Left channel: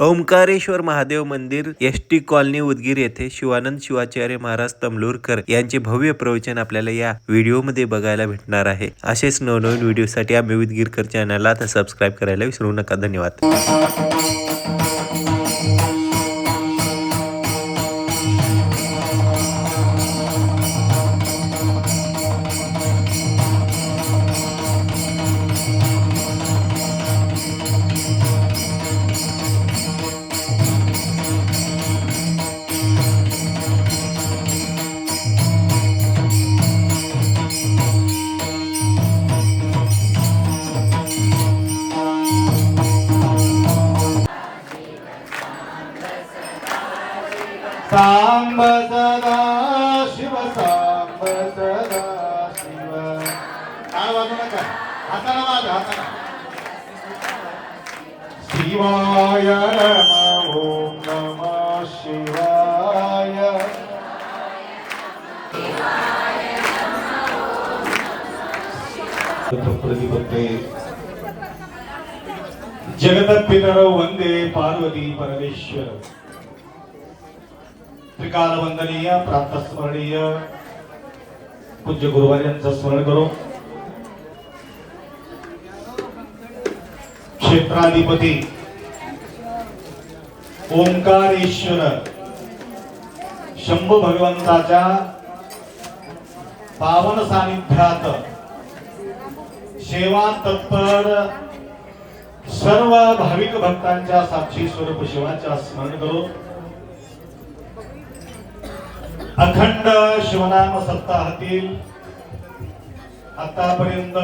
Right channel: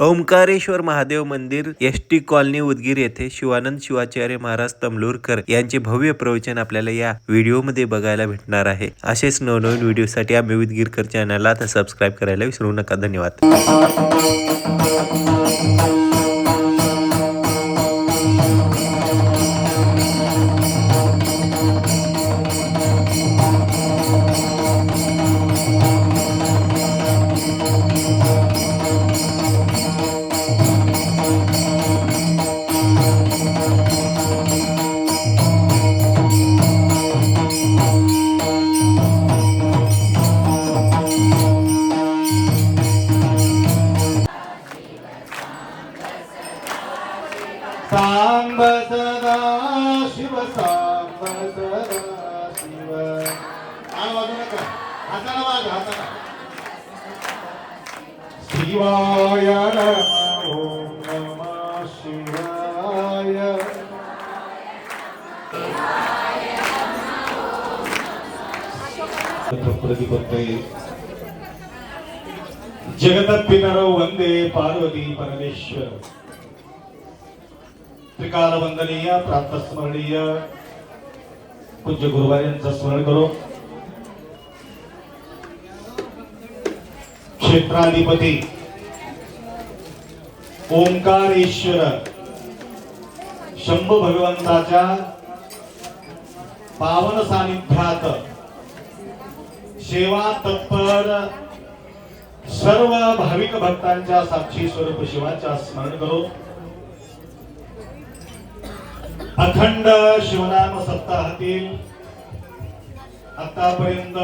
ओंकारेश्वर महादेव मंदिर ST colony Udgir येथे शिवानंद शिवाचार्य महाराज तमलूरकर यांचे भव्य प्रवचन आपल्याला या व्हिडिओमध्ये बघायला भेटणार आहे. असेच नवनवीन व्हिडिओसाठी आम्ही उदगीरकर चॅनलला आता सबस्क्राईब करायला विसरू नका. धन्यवाद. सांब सदा शिव, सांब सदा शिव. काय वाजू नका, हाताला वाज, हाताला. शिवाय नमः, ओम नमः शिवाय. प्रतिपत्ते जगदपितरौ वंदे पार्वती परमेश्वर. त्रिकाल वंदनीय प्रातस्मरणीय पूज्य गुरुवार्यांचं स्मरण करू. क्षेत्राधिपती ओंकारेश्वर शंभू भगवंताच्या पावन सानिध्यात सेवा तत्पर सर्व भाविक भक्तांच्या साक्षी स्वरूप शिवाच्या स्मरण करू. अखंड शिवनाम सप्ताहातील आतापर्यंत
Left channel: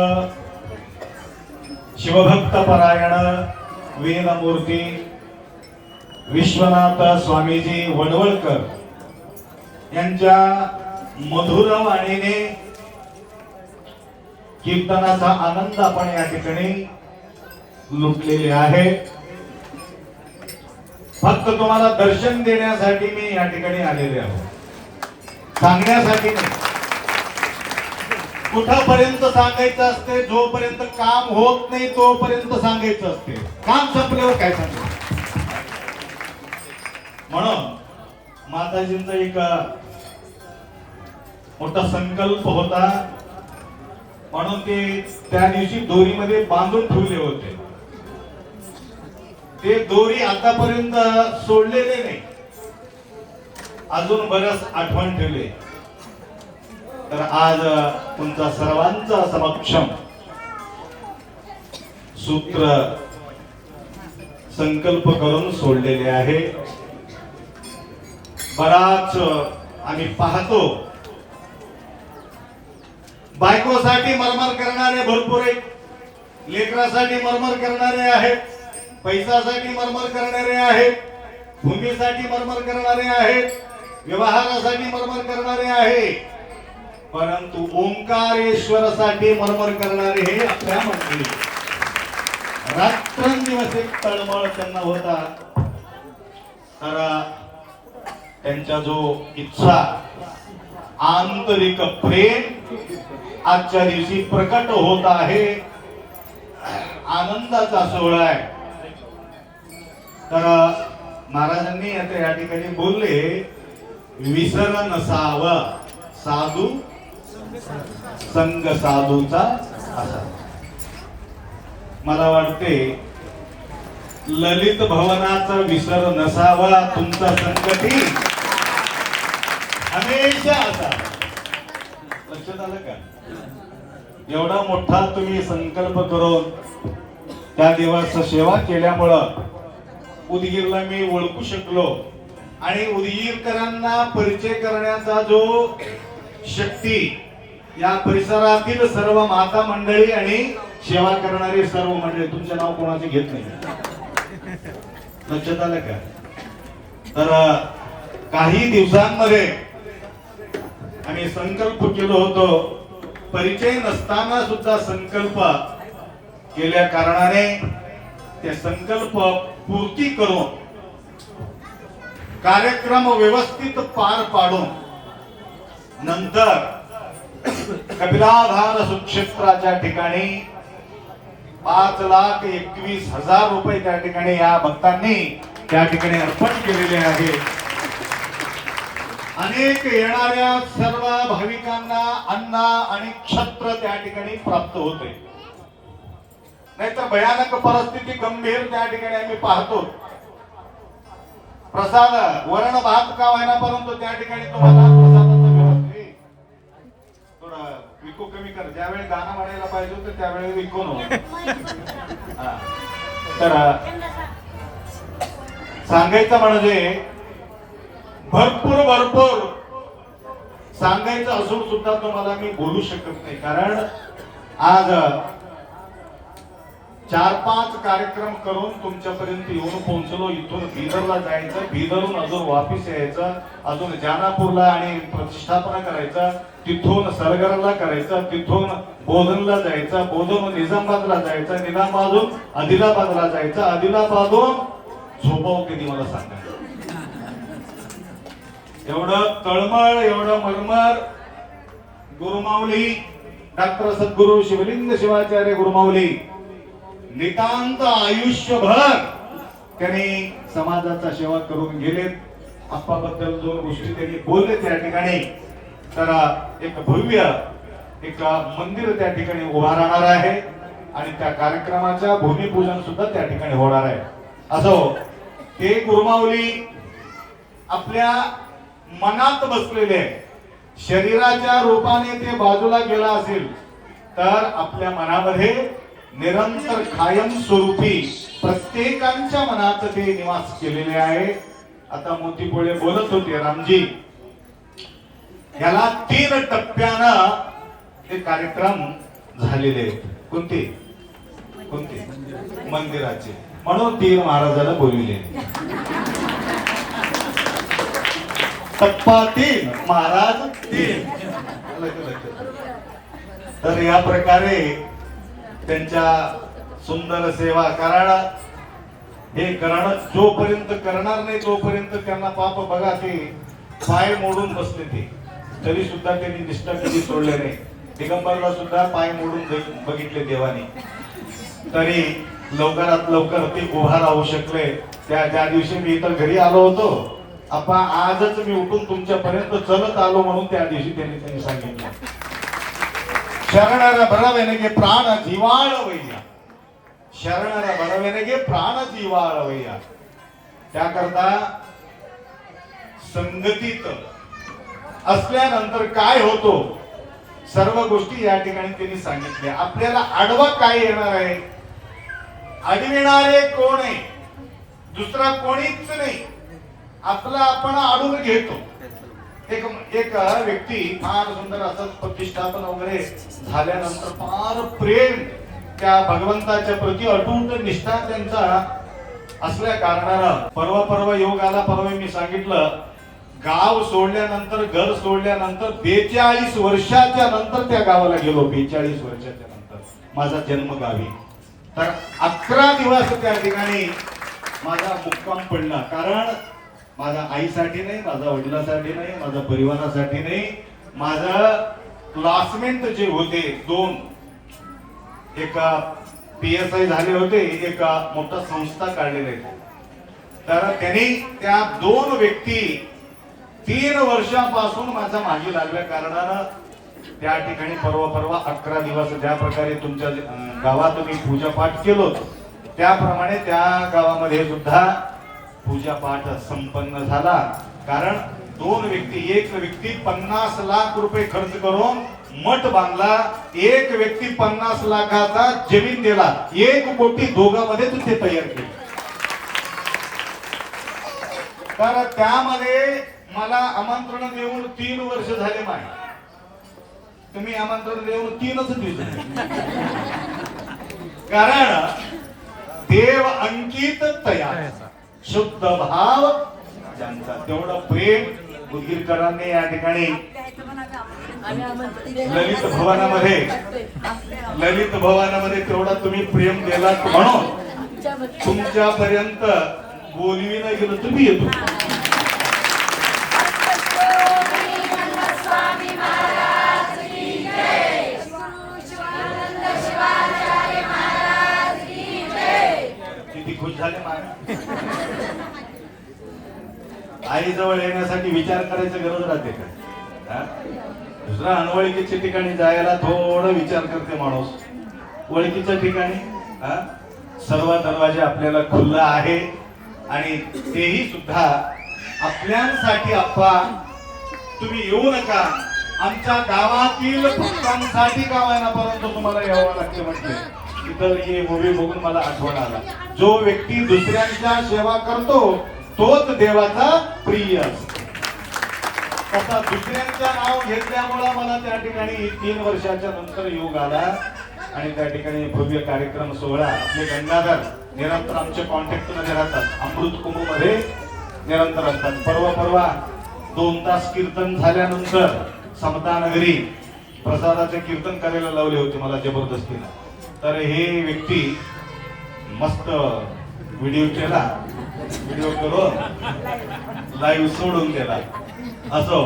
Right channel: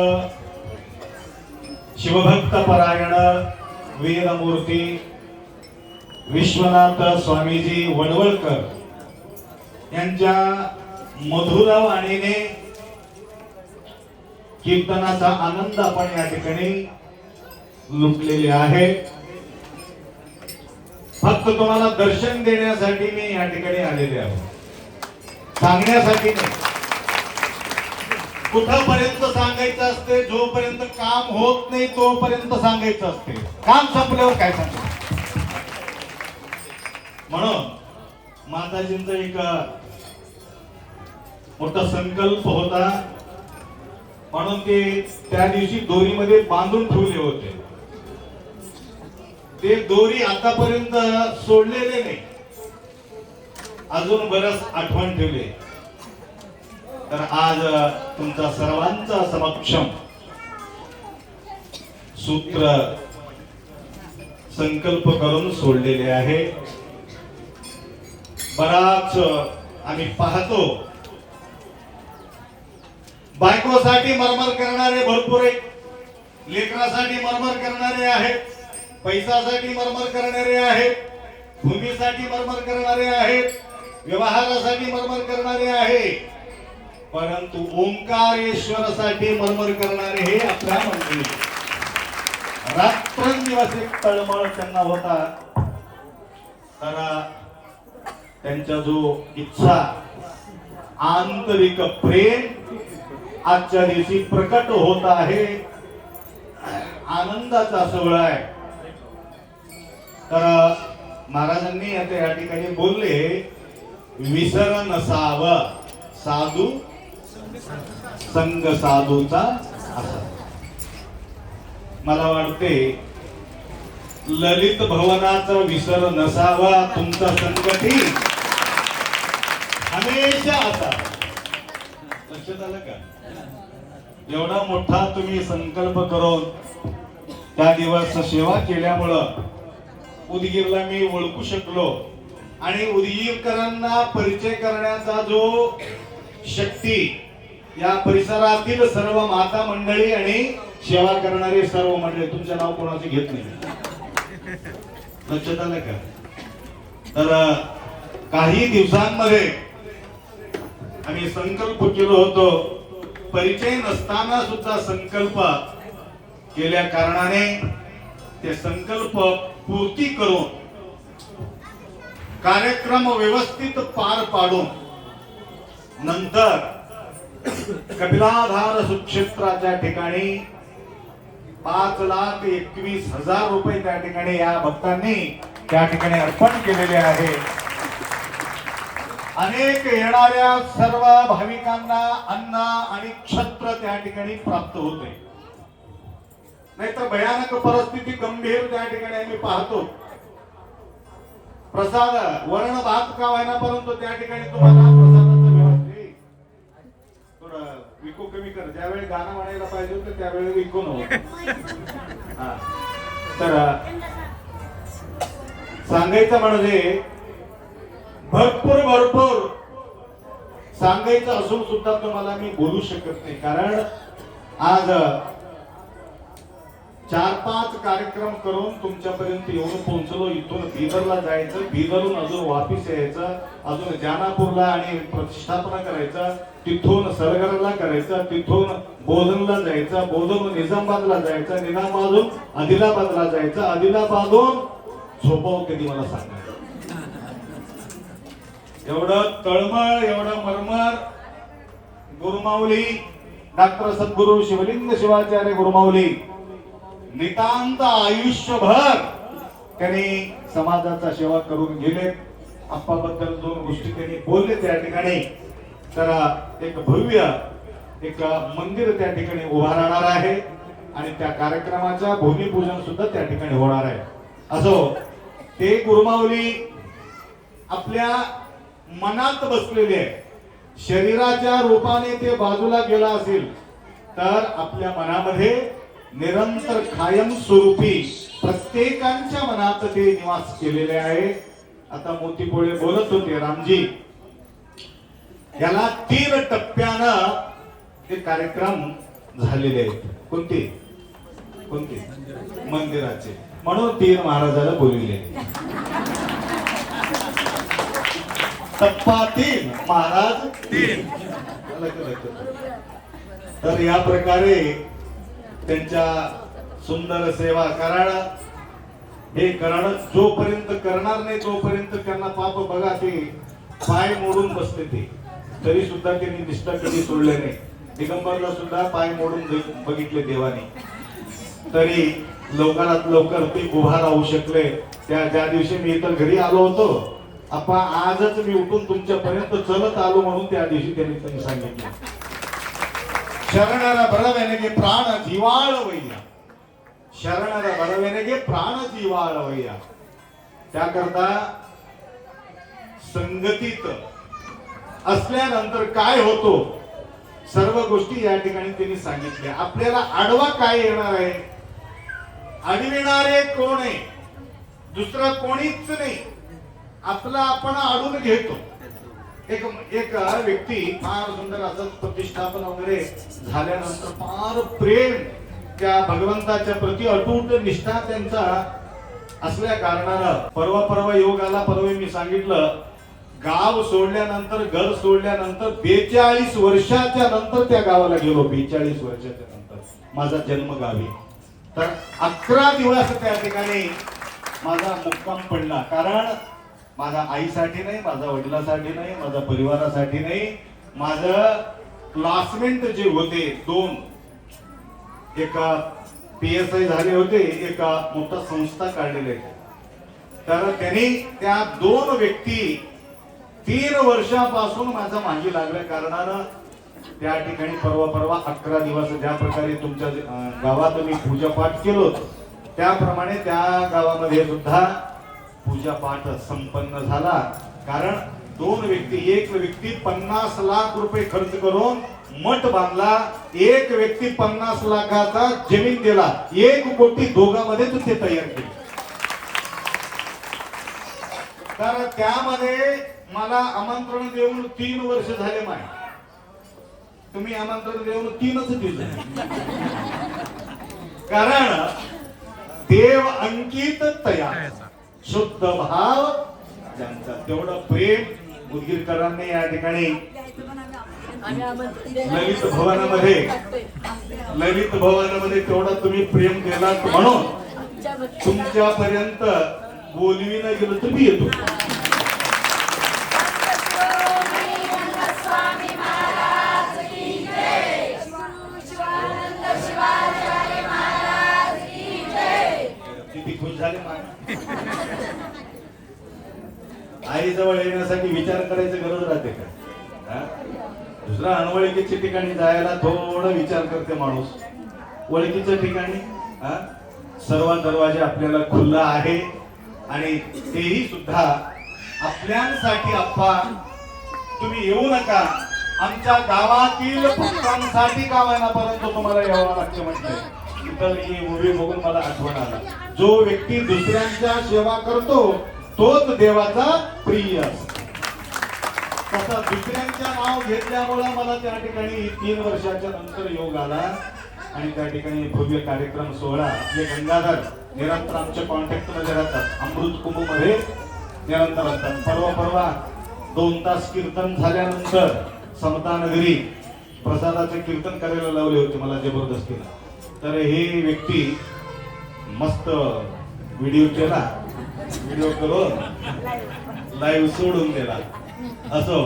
शिवभक्त परायण वीरमूर्ती विश्वनाथ स्वामीजी वडवळकर यांच्या मधुर वाणीने कीर्तनाचा आनंद आपण या ठिकाणी लुटलेले आहे. फक्त तुम्हाला दर्शन देण्यासाठी मी या ठिकाणी आलेले आहे, सांगण्यासाठी नाही. कुठपर्यंत सांगायचं असते, जोपर्यंत काम होत नाही तोपर्यंत सांगायचं असते. काम संपल्यावर काय सांगायचं. म्हणून माताजींचा एक मोठा संकल्प होता, म्हणून ते त्या दिवशी दोरीमध्ये बांधून ठेवले होते. ते दोरी आतापर्यंत सोडलेले नाही, अजून बरंच आठवण ठेवले. तर आज तुमचा सर्वांचा समक्षम सूत्र संकल्प करून सोडलेले आहे. बराच आम्ही पाहतो बायकोसाठी मरमर करणारे भरपूर आहेत, लेकरासाठी मरमर करणारे आहेत, पैशासाठी मरमर करणारे आहेत, भूमीसाठी मरमर करणारे आहेत, व्यवहारासाठी मरमर करणारे आहे. परंतु ओंकारेश्वरासाठी मरमर करणारे हे आपल्या मंडळी. रात्रंदिवस एक तळमळ त्यांना होता. तर त्यांचा जो इच्छा आंतरिक प्रेम आजच्या दिवशी प्रकट होत आहे. आनंदाचा सोहळा आहे. तर महाराजांनी आता या ठिकाणी बोलले, विसर नसाव साधू संग साधूचा असा. मला वाटते ललित भवनाचा विसर नसावा तुमचा संगती हमेशा असा. लक्षात आलं का? एवढा मोठा तुम्ही संकल्प करून त्या दिवस सेवा केल्यामुळं उदगीरला मी ओळखू शकलो आणि उदगीरकरांना परिचय करण्याचा जो शक्ती या परिसरातील सर्व माता मंडळी आणि सेवा करणारे सर्व मंडळी, तुमचे नाव कोणाचे घेत नाही. लक्षात आलं का? तर काही दिवसांमध्ये आम्ही संकल्प केलो होतो. परिचय नसताना सुद्धा संकल्प केल्या कारणाने ते संकल्प पूर्ती करून कार्यक्रम व्यवस्थित पार पाडून नंतर कपिलाधार सुक्षेत्राच्या ठिकाणी 5,21,000 रुपये त्या ठिकाणी या भक्तांनी त्या ठिकाणी अर्पण केलेले आहे. अनेक येणाऱ्या सर्व भाविकांना अन्न आणि छत्र त्या ठिकाणी प्राप्त होते. नाहीतर भयानक परिस्थिती गंभीर त्या ठिकाणी आम्ही पाहतो. प्रसाद वरण भात का व्हायना, परंतु त्या ठिकाणी तुम्हाला प्रसादाचं व्यवस्थित थोडं विकू कमी कर. ज्यावेळी गाणं म्हणायला पाहिजे होतं त्यावेळी विकू नव्हतं. तर सांगायचं म्हणजे भरपूर सांगायचं असून सुद्धा तुम्हाला मी बोलू शकत नाही. कारण आज 4-5 कार्यक्रम करून तुमच्यापर्यंत येऊन पोहोचलो. इथून बिदरला जायचं, बिदरहून अजून वापिस यायचं, अजून जानापूरला आणि प्रतिष्ठापना करायचं, तिथून सरगरला करायचं, तिथून बोधनला जायचं, बोधन निजामाबादला जायचं, निजामाबादहून आदिलाबादला जायचं, आदिलाबादहून झोपाव कधी मला सांगायचं. एवढं तळमळ, एवढं मरमर गुरुमाऊली डॉक्टर सद्गुरु शिवलिंग शिवाचार्य गुरुमाऊली नितांत आयुष्यभर त्यांनी समाजाचा सेवा करून गेले. आप्पाबद्दल 2 गोष्टी त्यांनी बोलले त्या ठिकाणी. तर एक भव्य एक मंदिर त्या ठिकाणी उभा राहणार आहे आणि त्या कार्यक्रमाच्या भूमिपूजन सुद्धा त्या ठिकाणी होणार आहे. असो, ते गुरुमाऊली आपल्या मनात बसलेले आहे. शरीराच्या रूपाने ते बाजूला गेला असेल तर आपल्या मनामध्ये निरंतर कायम स्वरूपी प्रत्येकांच्या मनात ते निवास केलेले आहे. आता मोतीपोळे बोलत होते, रामजी याला 3 टप्प्यानं ते कार्यक्रम झालेले आहेत. कोणते मंदिराचे, म्हणून 3 महाराजाला बोलविले. टप्पा 3 महाराज 3. तर या प्रकारे त्यांच्या सुंदर सेवा, कारण हे करणं जोपर्यंत करणार नाही तोपर्यंत त्यांना पाप बघा, ते पाय मोडून बसले ते, तरी सुद्धा त्यांनी निष्ठा कधी सोडले नाही. दिगंबरला सुद्धा पाय मोडून बघितले देवाने, तरी लवकरात लवकर ते उभा राहू शकले. ज्या दिवशी मी इथं घरी आलो होतो, आपण आजच मी उठून तुमच्यापर्यंत चलत आलो म्हणून त्या दिवशी त्यांनी सांगितलं, शरणर बळवेनगे प्राण जीवाळवय्या, शरणर बळवेनगे प्राण जीवाळवय्या. त्याकरता संगतीत असल्यानंतर काय होतो सर्व गोष्टी या ठिकाणी त्यांनी सांगितल्या. आपल्याला आडवा काय येणार आहे, अडविणारे कोण आहे, दुसरा कोणीच नाही, आपला आपण आडून घेतो. एक व्यक्ती फार सुंदर असं प्रतिष्ठापन वगैरे झाल्यानंतर फार प्रेम त्या भगवंताच्या प्रति अटूट निष्ठा त्यांचा असल्या कारणानं परवा योग आला. परवा मी सांगितलं, गाव सोडल्यानंतर, घर सोडल्यानंतर 42 वर्षाच्या नंतर त्या गावाला गेलो. 42 वर्षाच्या नंतर माझा जन्म गावी. तर 11 दिवस त्या ठिकाणी माझा मुक्काम पडला. कारण माझ्या आईसाठी नाही, माझ्या वडिलांसाठी नाही, माझ्या परिवारासाठी नाही, माझं क्लासमेट जे होते 2, एक PSI झाले होते, एक मोठा संस्था काढलेले. तर त्यांनी त्या 2 व्यक्ती 3 वर्षापासून माझा मागे लागल्या कारणानं त्या ठिकाणी परवा 11 दिवस ज्या प्रकारे तुमच्या गावात मी पूजापाठ केलो त्याप्रमाणे त्या गावामध्ये सुद्धा पूजापाठ संपन्न झाला. कारण 2 व्यक्ती, एक व्यक्ती 50 लाख रुपये खर्च करून मठ बांधला, एक व्यक्ती 50 लाखाचा जमीन दिला, 1 कोटी दोघांमध्ये ते तयार केले. तर त्यामध्ये मला आमंत्रण देऊन 3 वर्ष झाले. माय तुम्ही आमंत्रण देऊन 3च दिवस, कारण देव अंकित तयार, शुद्ध भाव ज्यांचा, तेवढं प्रेम उदगीरकरांनी या ठिकाणी ललित भवनामध्ये तेवढं तुम्ही प्रेम दिलात म्हणून तुमच्यापर्यंत बोलवी नाही गेलं, तुम्ही येतो. किती खुश झाले महाराज. आई जवळ येण्यासाठी विचार करायची गरज राहते का? हा? दुसऱ्या अनवळखीच्या ठिकाणी जायला थोडा विचार करते माणूस. ओळखीच्या ठिकाणी सर्व दरवाजे आपल्याला खुल्ला आहे आणि तेही सुद्धा आपल्यासाठी. अप्पा तुम्ही येऊ नका, आमच्या गावातील भक्तांसाठी का होईना परंतु तुम्हाला यावं लागते म्हटले. तिथं ही मूवी बघून मला आठवण आला, जो व्यक्ती दुसऱ्यांच्या सेवा करतो तोच देवाचा प्रिय असतो. तसा दुसऱ्यांचं नाव घेतल्यामुळे मला त्या ठिकाणी 3 वर्षाच्या नंतर योग आला आणि त्या ठिकाणी भव्य कार्यक्रम सोहळा. आपले गंगाधर निरंतर आमच्या कॉन्टॅक्ट मध्ये राहतात, अमृत कुंभ मध्ये निरंतर असतात. परवा 2 तास कीर्तन झाल्यानंतर समतानगरी प्रसादाचे कीर्तन करायला लावले होते मला जबरदस्तीने. तर हे व्यक्ती मस्त व्हिडिओ केला, व्हिडिओ करून लाईव्ह सोडून गेला. असो,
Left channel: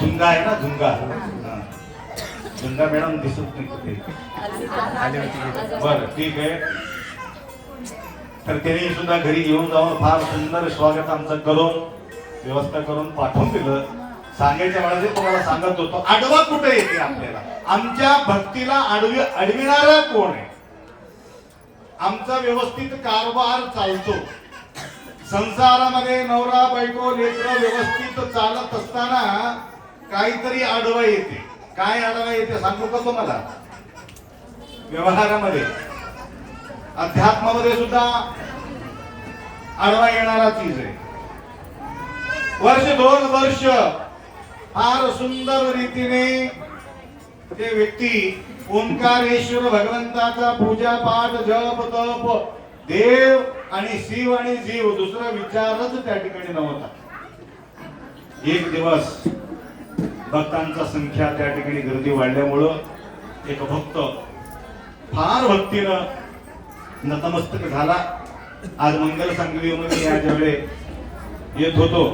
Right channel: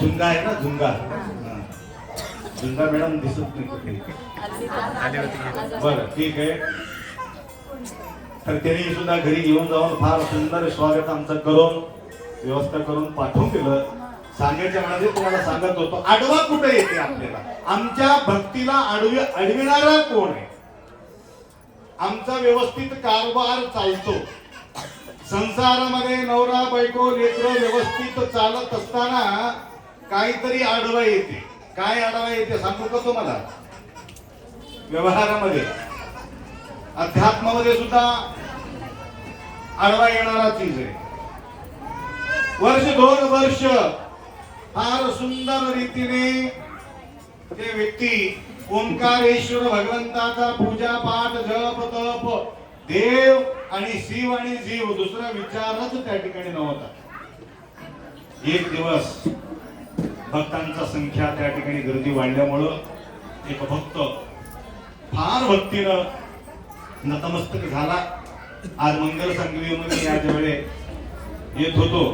झुंगा आहे ना, झुंगा झुंगा मॅडम दिसत नाही कुठे. बरं ठीक आहे. तर त्यांनी सुद्धा घरी घेऊन जाऊन फार सुंदर स्वागत आमचं करून व्यवस्था करून पाठवून दिलं. सांगायच्या वेळेला तुम्हाला सांगत होतो, आडवा कुठे येते आपल्याला, आमच्या भक्तीला अडविणारा कोण आहे. आमचा व्यवस्थित कारभार चालतो. संसारामध्ये नवरा बायको लेकरं व्यवस्थित चालत असताना काहीतरी आडवा येते. काय आडवा येते सांगू का तुम्हाला? व्यवहारामध्ये, अध्यात्मामध्ये सुद्धा आडवा येणारा चीज आहे. वर्ष 2 वर्ष फार सुंदर रीतीने ते व्यक्ती ओंकारेश्वर भगवंताचा पूजा पाठ जप तप देव आणि शिव आणि जीव दुसरा विचारच त्या ठिकाणी नव्हता. एक दिवस भक्तांचा संख्या त्या ठिकाणी गर्दी वाढल्यामुळं एक भक्त फार भक्तीनं नतमस्तक झाला. आज मंगल सांगलीमध्ये या ज्यावेळे येत होतो,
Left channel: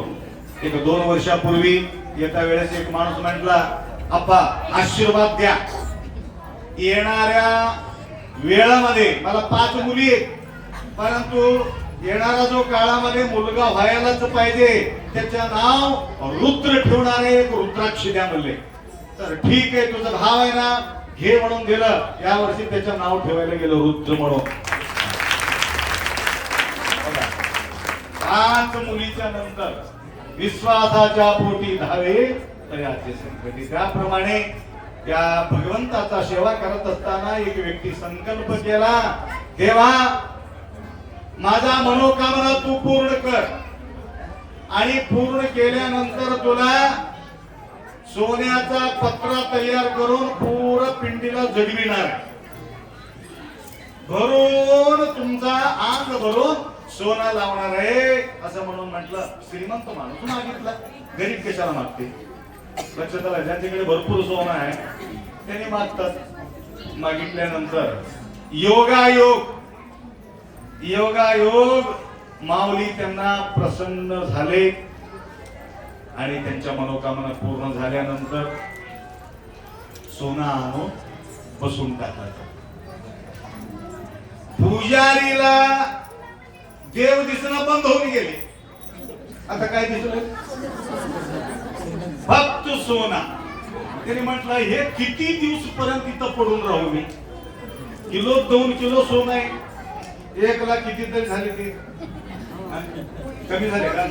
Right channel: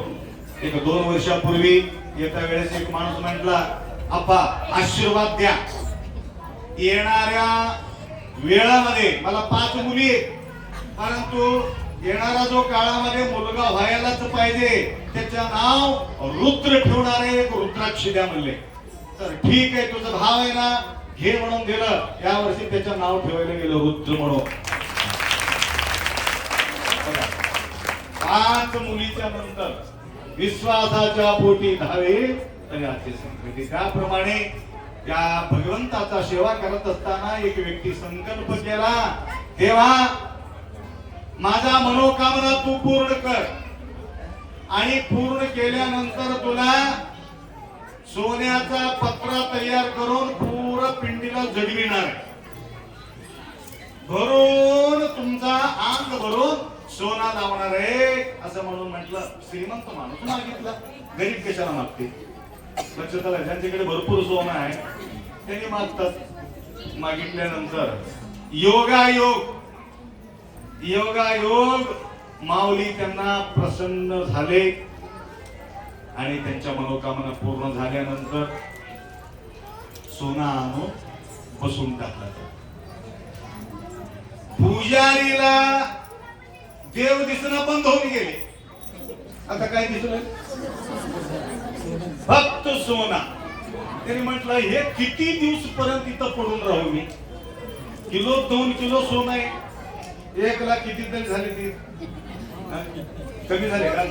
एक 2 वर्षापूर्वी येत्या वेळेस एक माणूस म्हटला, अप्पा आशीर्वाद द्या, येणाऱ्या वेळामध्ये मला 5 मुली आहेत, परंतु येणारा जो काळामध्ये मुलगा व्हायलाच पाहिजे, त्याचं नाव रुद्र ठेवणारे एक रुद्राक्ष द्या म्हणले. तर ठीक आहे, तुझा भाव आहे ना, घे म्हणून दिलं. या वर्षी त्याचं नाव ठेवायला गेलं रुद्र म्हणून. 5 मुलीच्या नंतर विश्वासाच्या पोटी धावे तयाचे संकटी. त्याप्रमाणे या भगवंताचा सेवा करत असताना एक व्यक्ती संकल्प केला, देवा माझा मनोकामना तू पूर्ण कर आणि पूर्ण केल्यानंतर तुला सोन्याचा पत्रा तयार करून पूर्ण पिंडीला जडविणार, भरून तुमचा अंग भरून सोना लावणार आहे असं म्हणून म्हटलं. श्रीमंत माणूस मागितला, गरीब कशाला मागते? लक्षात, ज्यांच्याकडे भरपूर सोनं आहे त्यांनी मागतात. मागितल्यानंतर योगायोग माऊली त्यांना प्रसन्न झाले आणि त्यांच्या मनोकामना पूर्ण झाल्यानंतर सोना आणून बसून टाकला. पुजारीला देव दिसणं बंद होऊन गेले. आता काय दिसलं? फक्त सोना. त्यांनी म्हटलं, हे किती दिवस पर्यंत इथं पडून राहू मी? किलो 2 किलो सोनं आहे, 1 लाख किती तरी झाले ते कमी झाले का?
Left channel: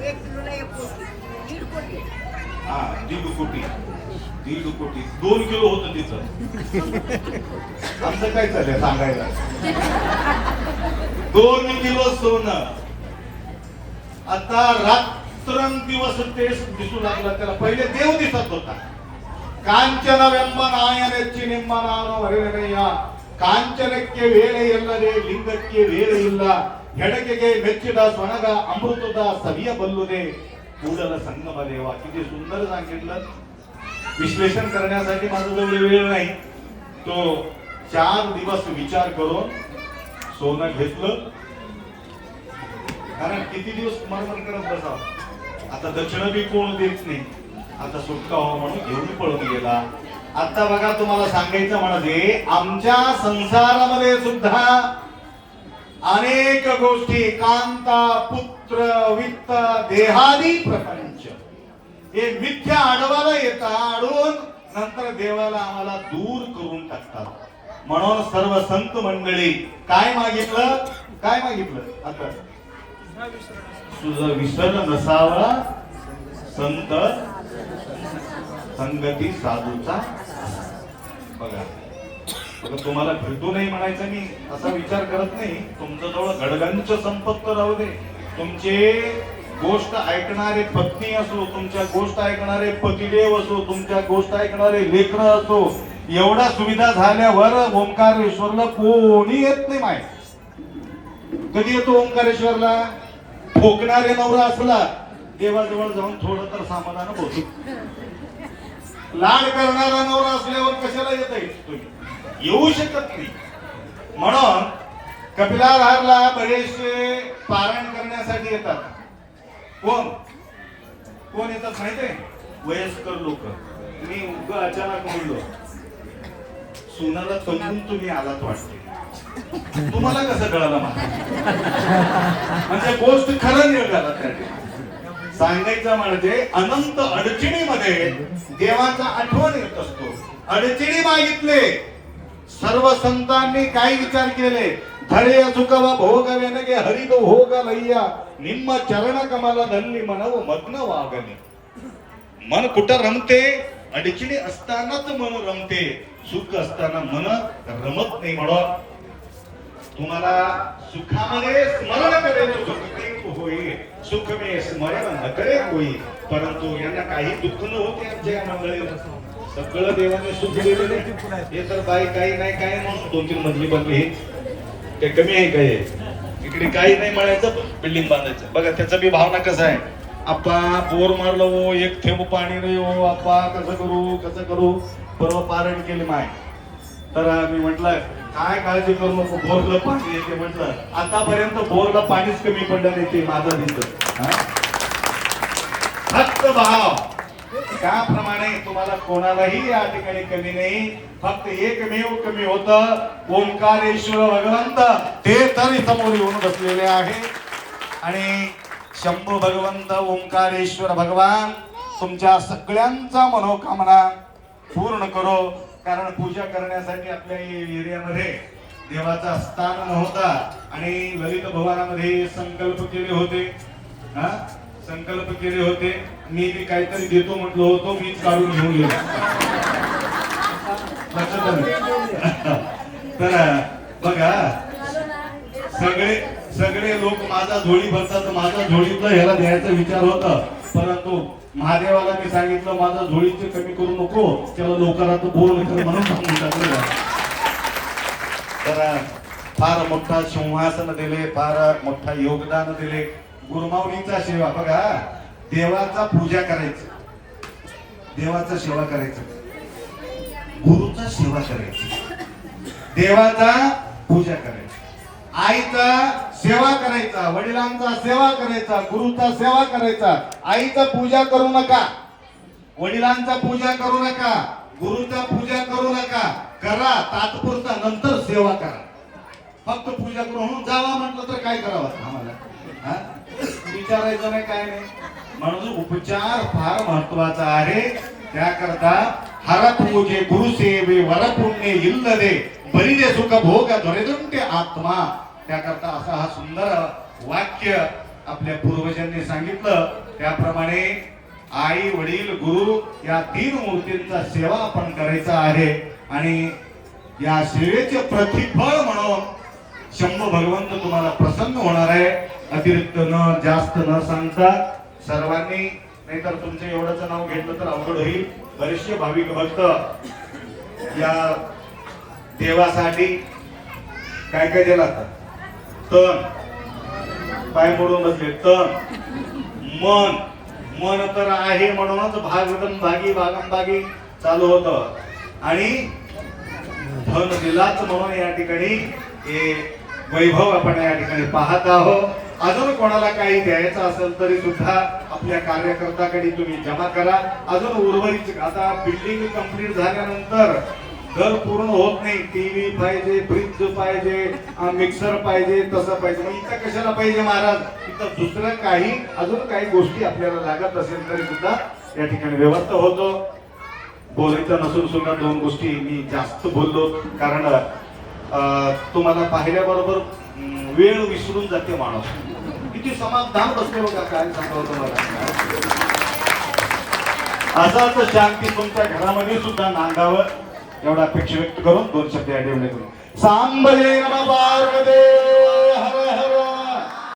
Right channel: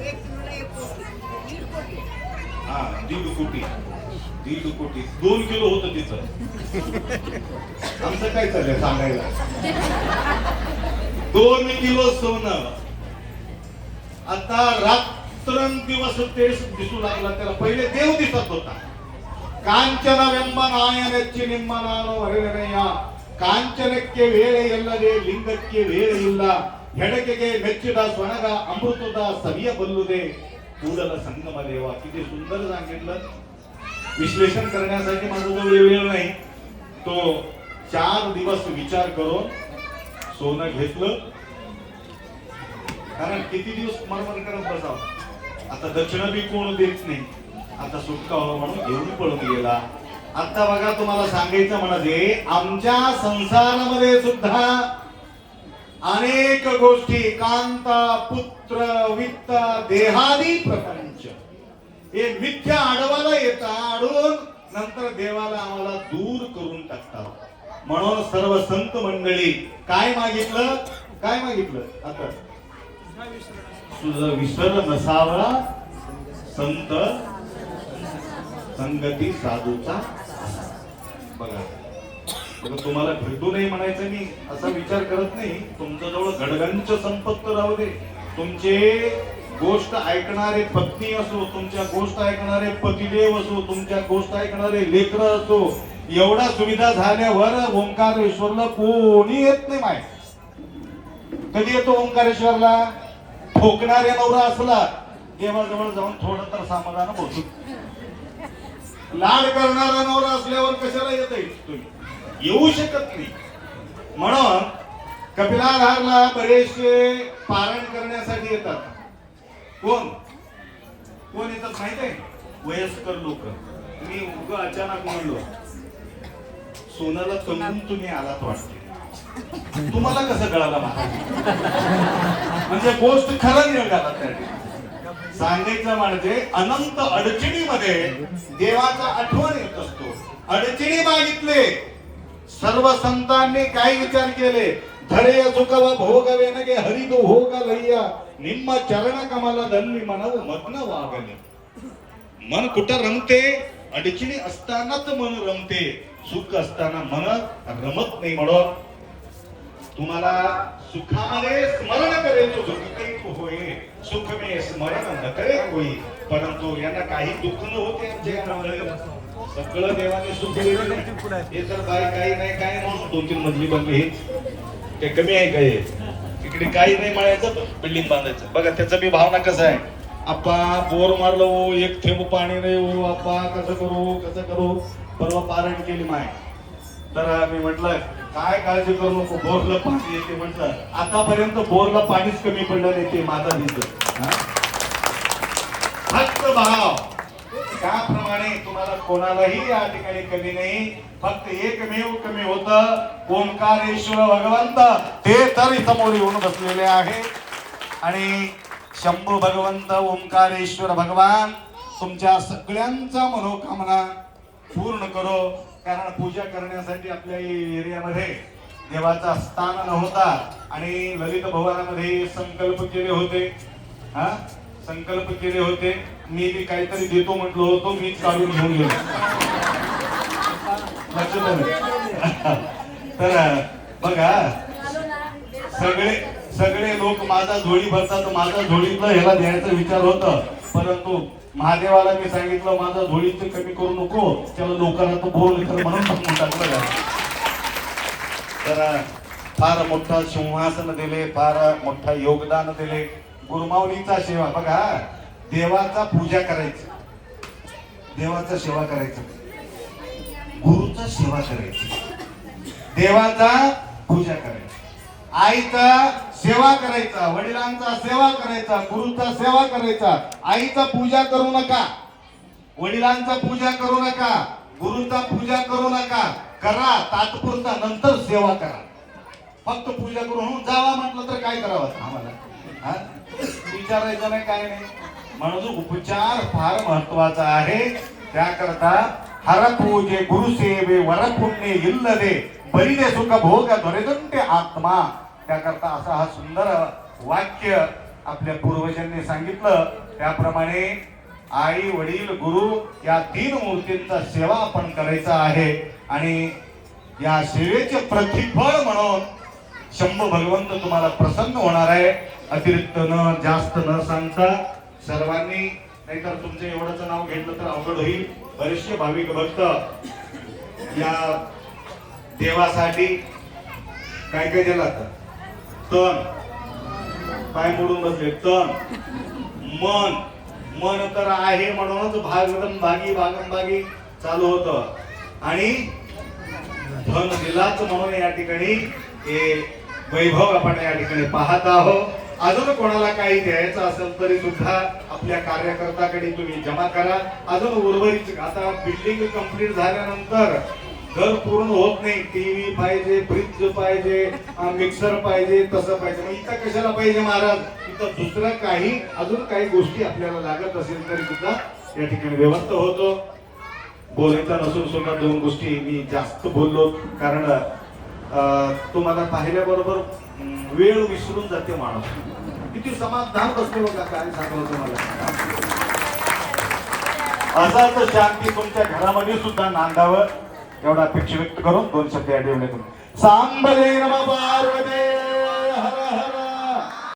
1.5 कोटी 1.5 कोटी 2 किलो होतं तिथं. आमचं काय चाललंय सांगायला? 2 किलो सोनं आता रात्रंदिवस तेच दिसू लागला. त्याला पहिले देव दिसत होता. कांचन वेंबनायनच्ची निम्मनानो हरिहरಯ್ಯ ಕಾಂಚನಕ್ಕೆ ವೇಳೆ ಇಲ್ಲದೆ ಲಿಂಗಕ್ಕೆ ವೇಳೆ ಇಲ್ಲ ಹೆಡಕೆಗೆ ಮೆಚ್ಚಿದ ಸ್ವಣಗ ಅಮೃತದ ಸವಿಯ ಬಲ್ಲುದೆ ಕೂಡಲ संगम देवा. किती सुंदर सांगितलं. विश्लेषण करण्यासाठी माझा वेळ नाही. तो 4 दिवस विचार करून सोनं घेतलं. कारण किती दिवस मरमर करत बसावं. आता दक्षिण बी कोण देत नाही. आता सुटका हो म्हणून घेऊन पळून गेला. आता बघा, तुम्हाला सांगायचं म्हणजे आमच्या संसारामध्ये सुद्धा अनेक गोष्टी कांता पुत्र वित्त देहादी प्रपंच हे मिथ्या आडवाला येतात, अडवून नंतर देवाला आम्हाला दूर करून टाकतात. म्हणून सर्व संत मंडळी काय मागितलं, काय मागितलं? आता तुझं विसर नसावा संत संगती साधूचा. बघा तुम्हाला भेटू नाही म्हणायचं, मी असा विचार करत नाही. तुमच्या जवळ घडगंच संपत्त राहू दे, तुमचे गोष्ट ऐकणारे पत्नी असो, तुमच्या गोष्ट ऐकणारे पतिदेव असो, तुमच्या गोष्ट ऐकणारे लेकर असो, एवढा सुविधा झाल्यावर ओंकारेश्वरला कोणी येत नाही. माय कधी येतो ओंकारेश्वरला? ठोकणारे नवरा असला देवाजवळ जाऊन थोडं तर समाधान बोलतो. लाड करणारा नवरा असल्यावर कशाला येत तुम्ही? येऊ शकत नाही. म्हणून कपिलाधारला बरेचसे पारायण करण्यासाठी येतात. कोण कोण येतात माहित आहे? वयस्कर लोक. मी उगा अचानक म्हणलो सोनाला तंबून तुम्ही आलात वाटते. तुम्हाला कसं कळालं मला? म्हणजे गोष्ट खरं निघाला. सांगायचं म्हणजे अनंत अडचणीमध्ये देवाचा आठवण येत असतो. अडचणी मागितले, सर्व संतांनी काय विचार केले? धडे सुख व भोग वेनगे हरित भोग लय्या निम्म चरण कमला धरली मनव मग्न वागले. मन कुठं रमते? अडचणी असतानाच मन रमते, सुख असताना मन रमत नाही. म्हणून तुम्हाला सुखामध्ये स्मरण करे सुख होई, सुख में स्मरण न करे होई. परंतु यांना काही दुःख न होते. सगळं देवाने सुख दिलेलं नाही. हे तर बाई काही नाही काय म्हणून 2-3 मजली बनली, ते कमी आहे काय? इकडे काही नाही म्हणायचं, बिल्डिंग बांधायचं. बघा त्याचा बी भावना कसा आहे. आप्पा बोर मारलो, एक थेंब पाणी नाही हो आप्पा, कसं करू कसं करू. परवा पारायण केली माय, तर मी म्हटलं काय काळजी करू नको, बोरला पाणी येते. म्हटलं आतापर्यंत बोरला पाणीच कमी पडलं नाही, ते माझा दिसत. फक्त भाव त्याप्रमाणे तुम्हाला कोणालाही या ठिकाणी कमी नाही. फक्त एकमेव कमी होतं, ओंकारेश्वर भगवंत ते तरी समोर येऊन बसलेले आहे. आणि शंभू भगवंत ओंकारेश्वर भगवान तुमच्या सगळ्यांचा मनोकामना पूर्ण करो. कारण पूजा करण्यासाठी आपल्या एरियामध्ये देवाचा स्थान नव्हता आणि ललित भवनामध्ये संकल्प केले होते. संकल्प केले होते, मी बी काहीतरी देतो म्हटलो होतो, मीच काढून घेऊन गेलो. तर बघा सगळे लोक माझा झोळी भरतात, माझा झोळीतलं ह्याला द्यायचा विचार होता. परंतु महादेवाला मी सांगितलं माझा झोळीचं कमी करू नको, त्याला लोकांना तो बोल म्हणून सांगून टाकलं. तर फार मोठा सिंहासन दिले, फार मोठा योगदान दिले. गुरुमाऊलीचा सेवा बघा, देवाचा पूजा करायची, देवाचा सेवा करायचं, गुरुचा सेवा करायची, देवाचा पूजा करायची, आईचा सेवा करायचा, वडिलांचा सेवा करायचा, गुरुचा सेवा करायचा. आईचा पूजा करू नका, वडिलांचा पूजा करू नका, गुरुचा पूजा करू नका. करा तात्पुरता, नंतर सेवा करा. फक्त पूजा करून जावा म्हटलं तर काय करावं आम्हाला? विचारायचं नाही, काय नाही. म्हणून उपचार फार महत्वाचा आहे. त्याकरता हर पूजे गुरुसेवे वरपुण्य इल्लदे बलिदे सुख भोग धरेदंते आत्मा. त्याकरता असा हा सुंदर वाक्य आपल्या पूर्वजांनी सांगितलं. त्याप्रमाणे आई वडील गुरु या 3 मूर्तींचा सेवा आपण करायचा आहे. आणि या सेवेचे प्रतिफळ म्हणून शंभू भगवंत तुम्हाला प्रसन्न होणार आहे. अतिरिक्त न जास्त न सांगता सर्वांनी, नाहीतर तुमचं एवढंच नाव घेतलं तर अवघड होईल. बरेचसे भाविक भक्त या देवासाठी काय काय दिला, तन पाय मोडून बसले, तन मन, मन तर आहे म्हणूनच भागवतम भागी भागम चालू होतं. आणि धन दिलाच म्हणून या ठिकाणी हे वैभव आपण या ठिकाणी पाहत आहोत. अजून कोणाला काही द्यायचं असेल तरी सुद्धा आपल्या कार्यकर्त्याकडे तुम्ही जमा करा. अजून उर्वरित आता बिल्डिंग कंप्लीट झाल्यानंतर घर पूर्ण होत नाही. टीव्ही पाहिजे, फ्रीज पाहिजे, मिक्सर पाहिजे, तसं पाहिजे. मग इथं कशाला पाहिजे महाराज? इथं दुसरं काही अजून काही गोष्टी आपल्याला लागत असेल तरी सुद्धा या ठिकाणी व्यवस्था होतो. बोलायचं नसून सुद्धा दोन गोष्टी मी जास्त बोललो, कारण तुम्हाला पाहिल्याबरोबर वेळ विसरून जाते माणूस. किती समाधान बसतो बघा, काय सांगावं तुम्हाला. असाच शांती तुमच्या घरामध्ये सुद्धा नांदावं एवढा अपेक्षा व्यक्त करून दोन शब्द या ठेवले. सांबले नमः पार्वती.